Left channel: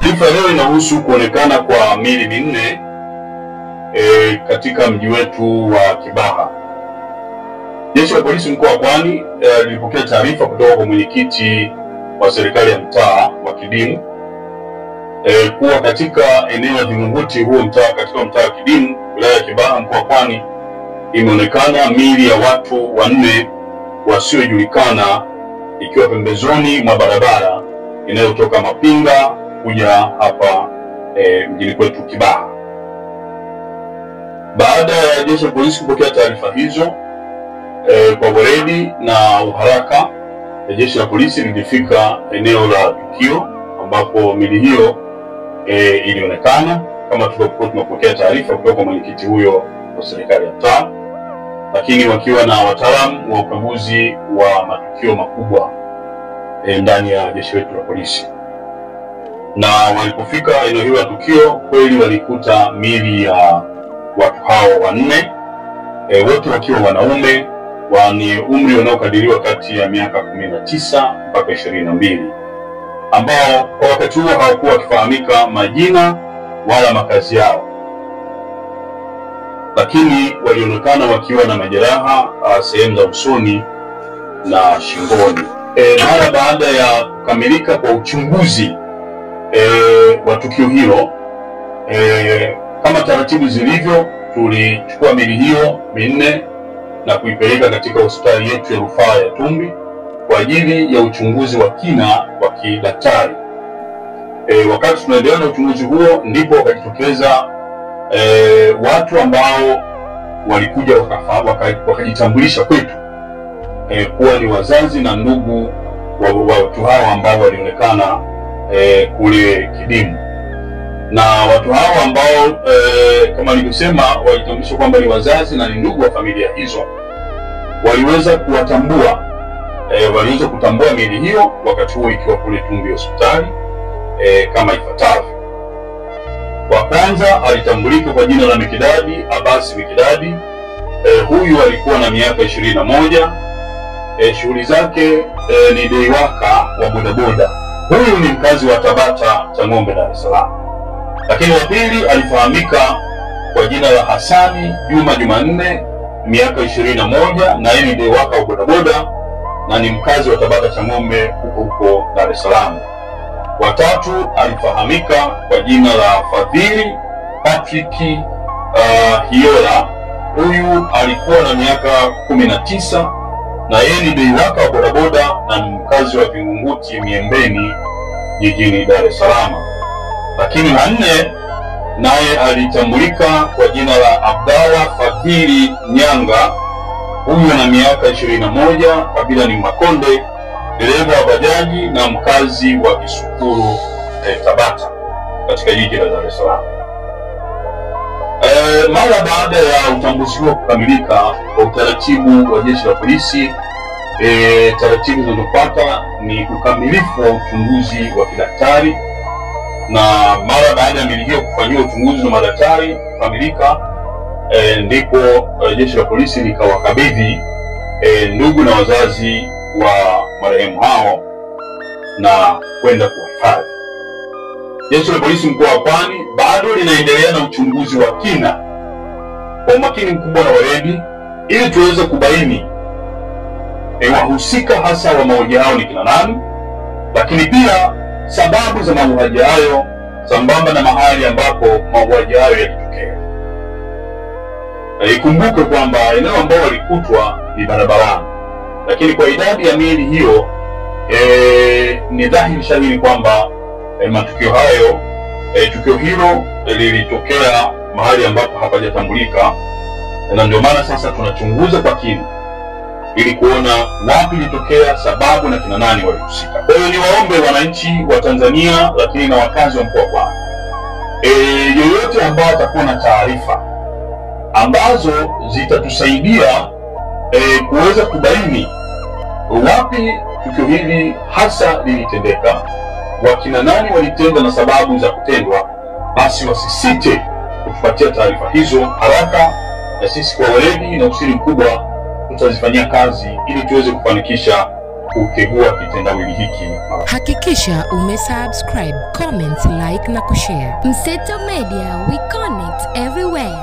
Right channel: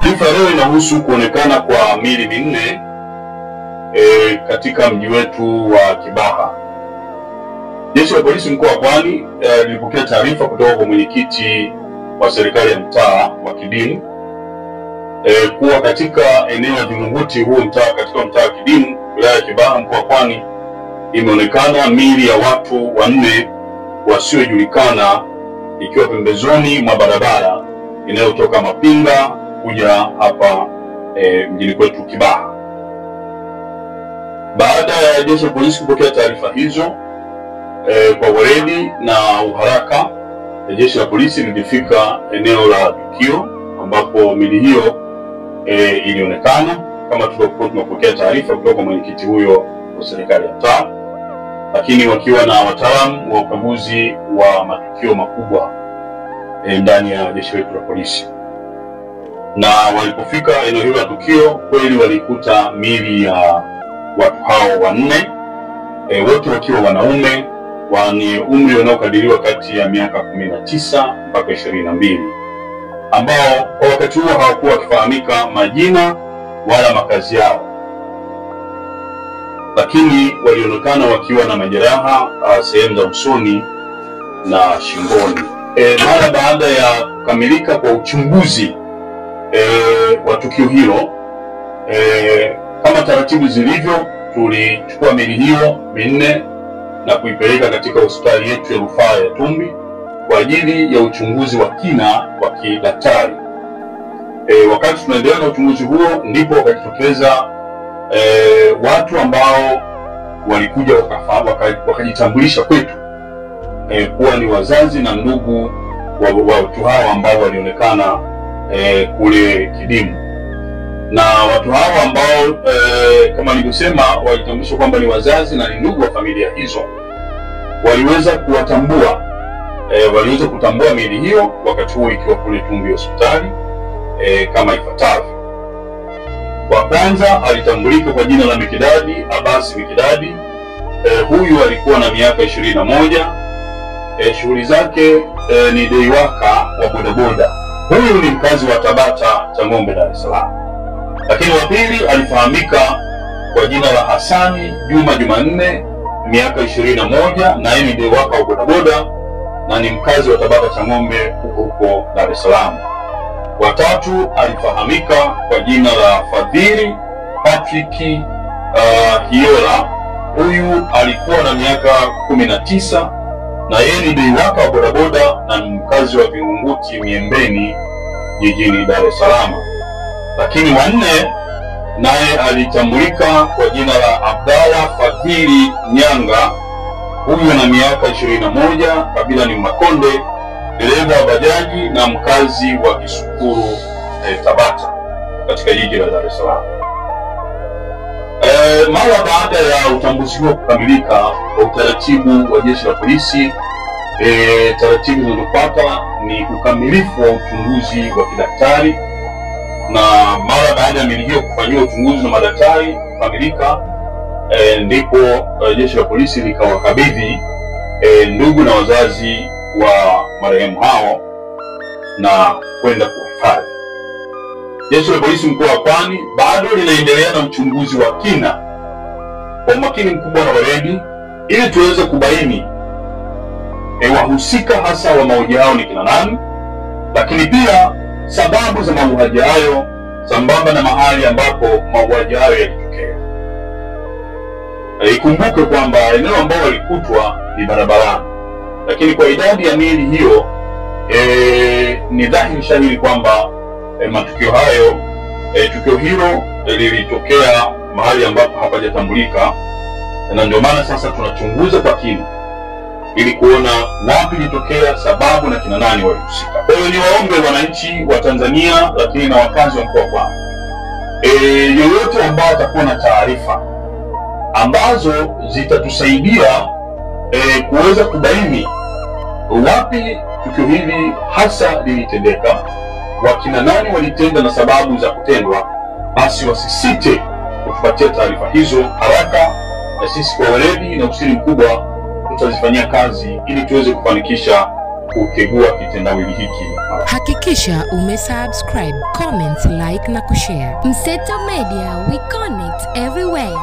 Taarifa leo inahusu kuonekana kwa miili minne katika mji wetu wa Kibaha. Jeshi la polisi mkoa wa Pwani lilipokea taarifa kutoka kwa mwenyekiti wa serikali ya mtaa wa Kidimu kuwa katika eneo la Vingunguti huo mtaa, katika mtaa wa Kidimu wilaya ya Kibaha mkoa wa Pwani, imeonekana miili ya watu wanne wasiojulikana ikiwa pembezoni mwa barabara inayotoka Mapinga kuja hapa mjini kwetu Kibaha. Baada ya jeshi la polisi kupokea taarifa hizo kwa weledi na uharaka, jeshi la polisi lilifika eneo la tukio ambapo miili hiyo ilionekana kama tulivyokuwa tunapokea taarifa kutoka kwa mwenyekiti huyo wa serikali ya mtaa, lakini wakiwa na wataalamu wa ukaguzi wa matukio makubwa ndani ya jeshi letu la polisi. Na walipofika eneo hilo la tukio, kweli walikuta miili ya watu hao wanne, wote wakiwa wanaume wenye umri unaokadiriwa kati ya miaka 19 mpaka 22, ambao kwa wakati huo hawakuwa wakifahamika majina wala makazi yao, lakini walionekana wakiwa na majeraha sehemu za usoni na shingoni. Mara baada ya kukamilika kwa uchunguzi wa tukio hilo, kama taratibu zilivyo, tulichukua miili hiyo minne na kuipeleka katika hospitali yetu ya rufaa ya Tumbi kwa ajili ya uchunguzi wa kina wa kidaktari. Wakati tunaendelea na uchunguzi huo, ndipo wakajitokeza watu ambao walikuja wakajitambulisha kwetu kuwa ni wazazi na ndugu wa watu hao ambao walionekana kule Kidimu. Na watu hao ambao kama nilivyosema walitambulisha kwamba ni wazazi na ni ndugu wa familia hizo, waliweza kutambua miili hiyo wakati huo ikiwa kule Tumbi hospitali kama ifuatavyo. Wa kwanza alitambulika kwa jina la Mikidadi Abbas Mikidadi. Huyu alikuwa na miaka 21. Shughuli zake ni deiwaka wa bodaboda. Huyu ni mkazi wa Tabata Chang'ombe, Dar es Salaam. Lakini wa pili alifahamika kwa jina la Hasani Juma Jumanne, miaka 21, na yeye ni deiwaka wa bodaboda na ni mkazi wa Tabata Chang'ombe huko Dar es Salaam. Wa tatu alifahamika kwa jina la Fadhili Patrick Hiola. Huyu alikuwa na miaka 19 na yeye ni deiwaka wa bodaboda na ni mkazi wa Vingunguti Miembeni jijini Dar es Salaam. Lakini wa nne naye alitambulika kwa jina la Abdalla Fadhili Nyanga. Huyu ana miaka 21, kabila ni Makonde, dereva wa bajaji na mkazi wa Kisukuru Tabata katika jiji la Dar es Salaam. Mara baada ya utambuzi huo kukamilika kwa utaratibu wa jeshi la polisi, taratibu zinazofuata ni ukamilifu wa uchunguzi wa kidaktari, na mara baada ya miili hiyo kufanyiwa uchunguzi na madaktari kukamilika, ndipo jeshi la polisi likawakabidhi ndugu na wazazi wa marehemu hao na kwenda kuhifadhi. Jeshi la polisi mkoa wa Pwani bado linaendelea na uchunguzi wa kina kwa umakini mkubwa na weledi, ili tuweze kubaini wahusika hasa wa mauaji hao ni kina nani, lakini pia sababu za mauaji hayo sambamba na mahali ambapo mauaji hayo yalitokea. Ikumbuke kwamba eneo ambao walikutwa ni barabarani, lakini kwa idadi ya miili hiyo ni dhahiri shahiri kwamba matukio hayo, tukio hilo lilitokea mahali ambapo hapajatambulika, na ndio maana sasa tunachunguza kwa kina ili kuona wapi litokea, sababu na kina nani walihusika. Kwa hiyo niwaombe wananchi wa Tanzania, lakini na wakazi wa mkoa wa Pwani, yoyote ambao atakuwa na taarifa ambazo zitatusaidia kuweza kubaini wapi tukio hili hasa lilitendeka, wakina nani walitenda na sababu za kutendwa, basi wasisite kutupatia taarifa hizo haraka, na sisi kwa weledi na usiri mkubwa tutazifanyia kazi ili tuweze kufanikisha kutegua kitendawili hiki. Hakikisha umesubscribe, comment, like na kushare. Mseto Media, we connect everywhere.